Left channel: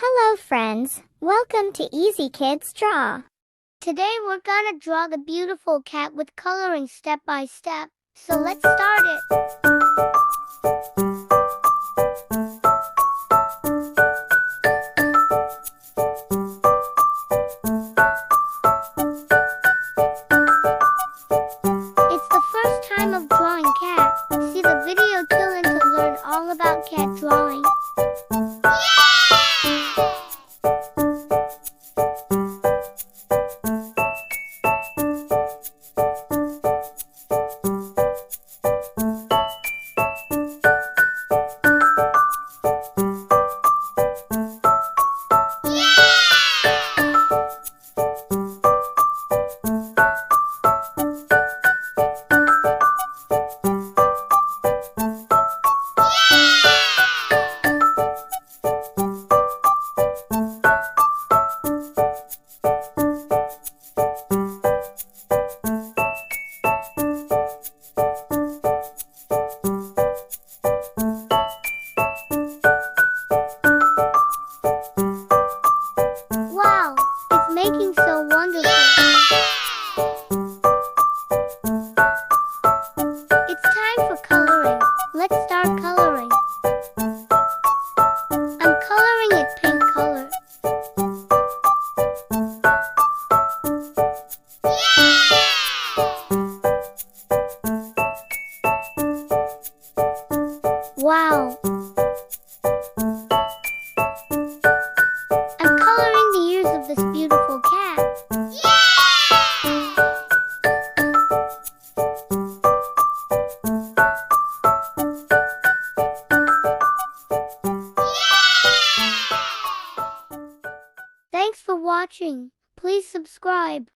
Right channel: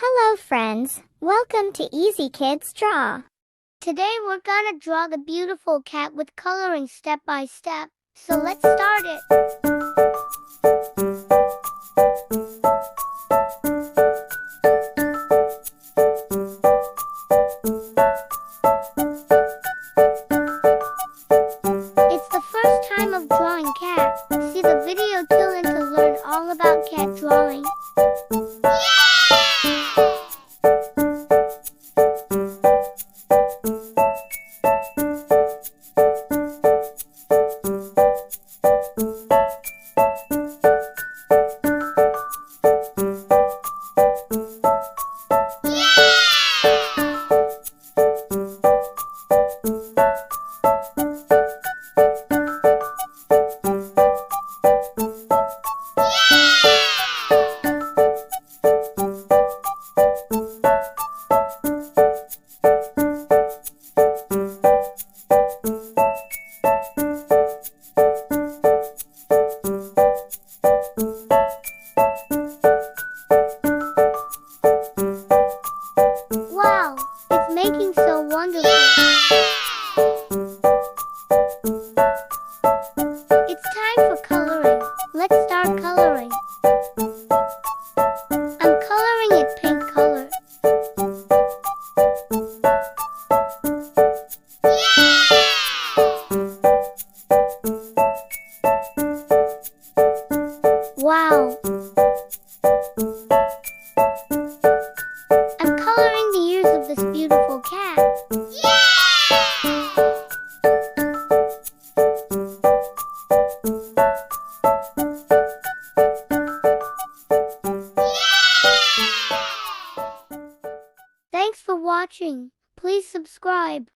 Hello friends, welcome to Easy Kids Draw. Today we're gonna draw the beautiful cat with coloring step by step. So let's start it. It's the first time of drawing cat. See the video till end to learn all about cat drawing. Wow, it's making so wonderful. It's time for coloring. Let's start coloring. I'm coloring it pink color. Wow. I'm coloring the ears of this beautiful cat. Thanks for watching. Please subscribe.